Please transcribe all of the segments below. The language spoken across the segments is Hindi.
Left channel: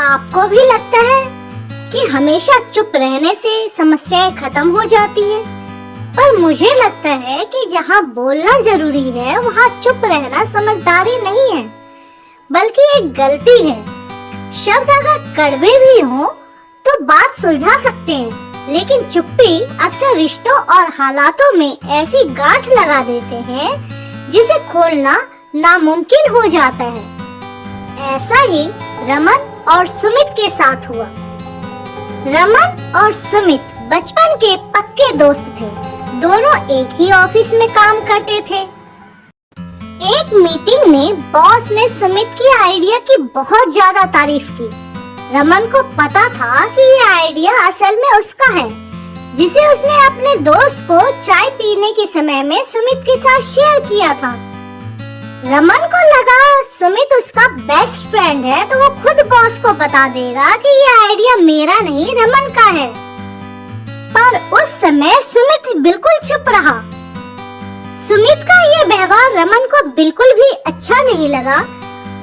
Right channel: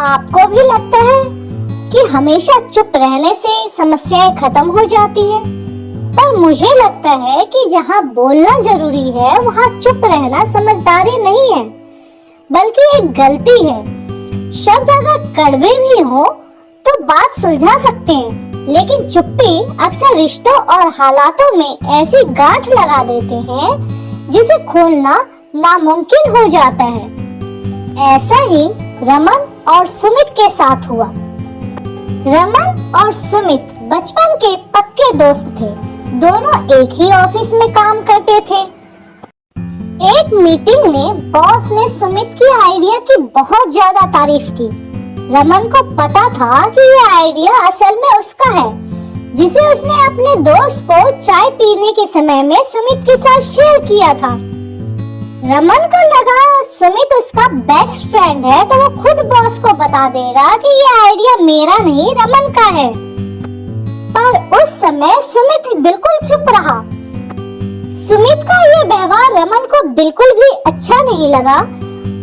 आपको भी लगता है कि हमेशा चुप रहने से समस्याएं खत्म हो जाती है? पर मुझे लगता है कि जहाँ बोलना जरूरी है वहाँ चुप रहना समझदारी नहीं है, बल्कि एक गलती है। शब्द अगर कड़वे भी हो तो बात सुलझा सकते हैं, लेकिन चुप्पी अक्सर रिश्तों और हालातों में ऐसी गांठ लगा देते हैं जिसे खोलना नामुमकिन हो जाता है। ऐसा ही रमन और सुमित के साथ हुआ। रमन और सुमित बचपन के पक्के दोस्त थे। दोनों एक ही ऑफिस में काम करते थे। एक मीटिंग में बॉस ने सुमित की आइडिया की बहुत ज्यादा तारीफ की। रमन को पता था कि ये आइडिया असल में उसका है, जिसे उसने अपने दोस्त को चाय पीने के समय में सुमित के साथ शेयर किया था। रमन को लगा सुमित उसका बेस्ट फ्रेंड है तो वो खुद बॉस को बता देगा कि ये आइडिया मेरा नहीं रमन का है। पर उस समय सुमित बिल्कुल चुप रहा। सुमित का ये व्यवहार रमन को बिल्कुल भी अच्छा नहीं लगा,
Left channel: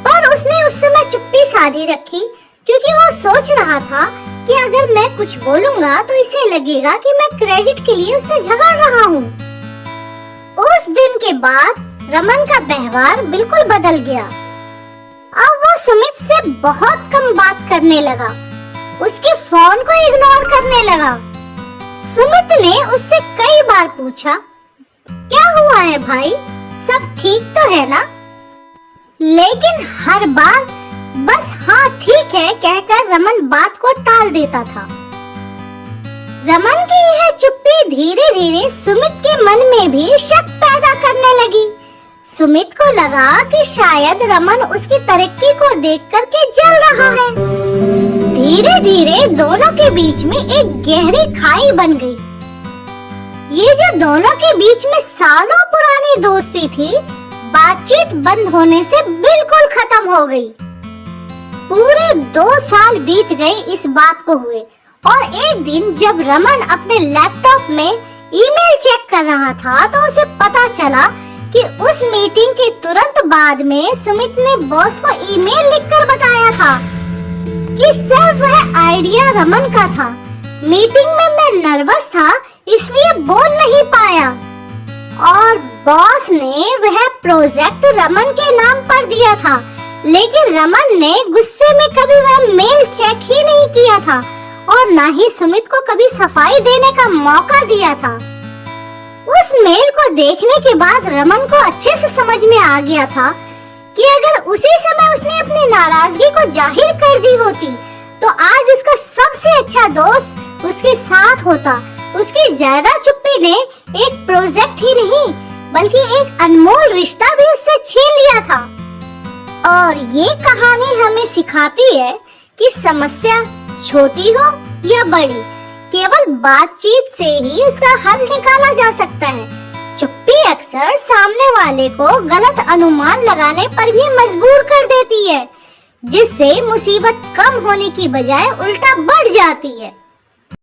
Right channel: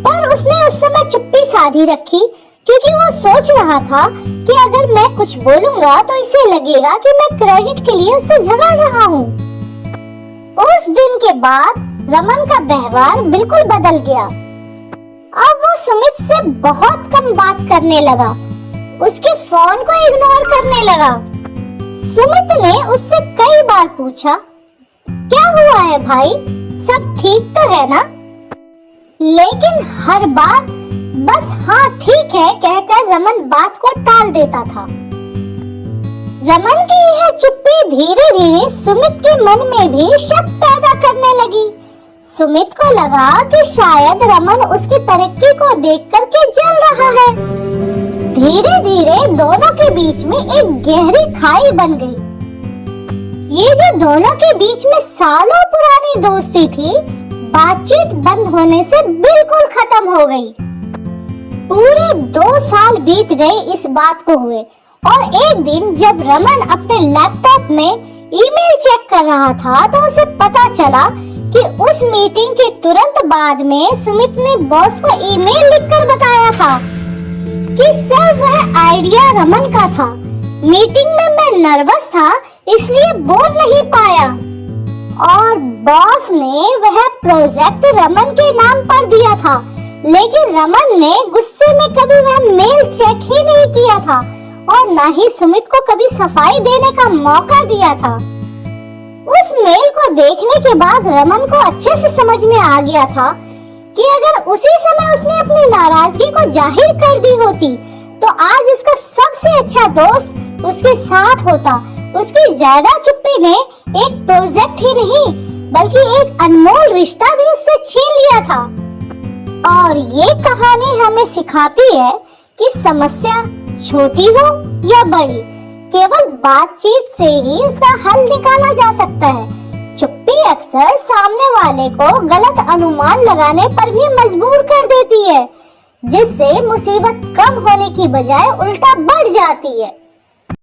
पर उसने उस समय चुप्पी साधी रखी, क्योंकि वो सोच रहा था कि अगर मैं कुछ बोलूंगा तो इसे लगेगा कि मैं क्रेडिट के लिए उससे झगड़ रहा हूँ। उस दिन के बाद रमन का व्यवहार बिल्कुल बदल गया। अब वो सुमित से बहुत कम बात करने लगा, उसके फोन को इग्नोर करने लगा। सुमित ने उससे कई बार पूछा, क्या हुआ है भाई, सब ठीक तो है ना? लेकिन हर बार बस हाँ ठीक है कहकर रमन बात को टाल देता था। रमन की यह चुप्पी धीरे धीरे सुमित के मन में भी शक पैदा करने लगी। सुमित को लगा कि शायद रमन उसकी तरक्की को देख करके जल रहा है। धीरे धीरे दोनों के बीच में एक गहरी खाई बन गई। ये जो दोनों के बीच में सालों पुरानी दोस्ती थी, बातचीत बंद होने से बिल्कुल खत्म हो गई। पूरे 2 साल बीत गए इस बात को हुए, और एक दिन जब रमन अपने लैपटॉप में ईमेल चेक कर रहा था तो उसे पता चला कि उस मीटिंग के तुरंत बाद में सुमित ने बॉस को ईमेल लिखकर बताया था कि सर वह आइडिया रमन का था। मीटिंग में मैं नर्वस था इसलिए बोल नहीं पाया, और बॉस ने वह प्रोजेक्ट रमन के नाम पर दिया था, लेकिन रमन ने गुस्से में कभी वह मेल चेक ही नहीं किया था और ना ही सुमित को कभी सफाई देने का मौका दिया था। उस मेल को देखने के बाद रमन को अच्छे से समझ में आ गया था कि अगर उसी समय उसने अपनी नाराजगी को जाहिर कर दी होती तो आज उसका सबसे अच्छा दोस्त उसके साथ होता। उसकी ज्यादा चुप्पी ने एक प्रोजेक्ट ही नहीं बल्कि एक अनमोल रिश्ता भी उससे छीन लिया था। और ये कहानी हमें सिखाती है कि समस्या छोटी हो या बड़ी, केवल बातचीत से ही उसका हल निकाला जा सकता है। चुप्पी अक्सर सामने वाले को गलत अनुमान लगाने पर भी मजबूर कर देती है, जिससे मुसीबत कम होने की बजाय उल्टा बढ़ जाती है।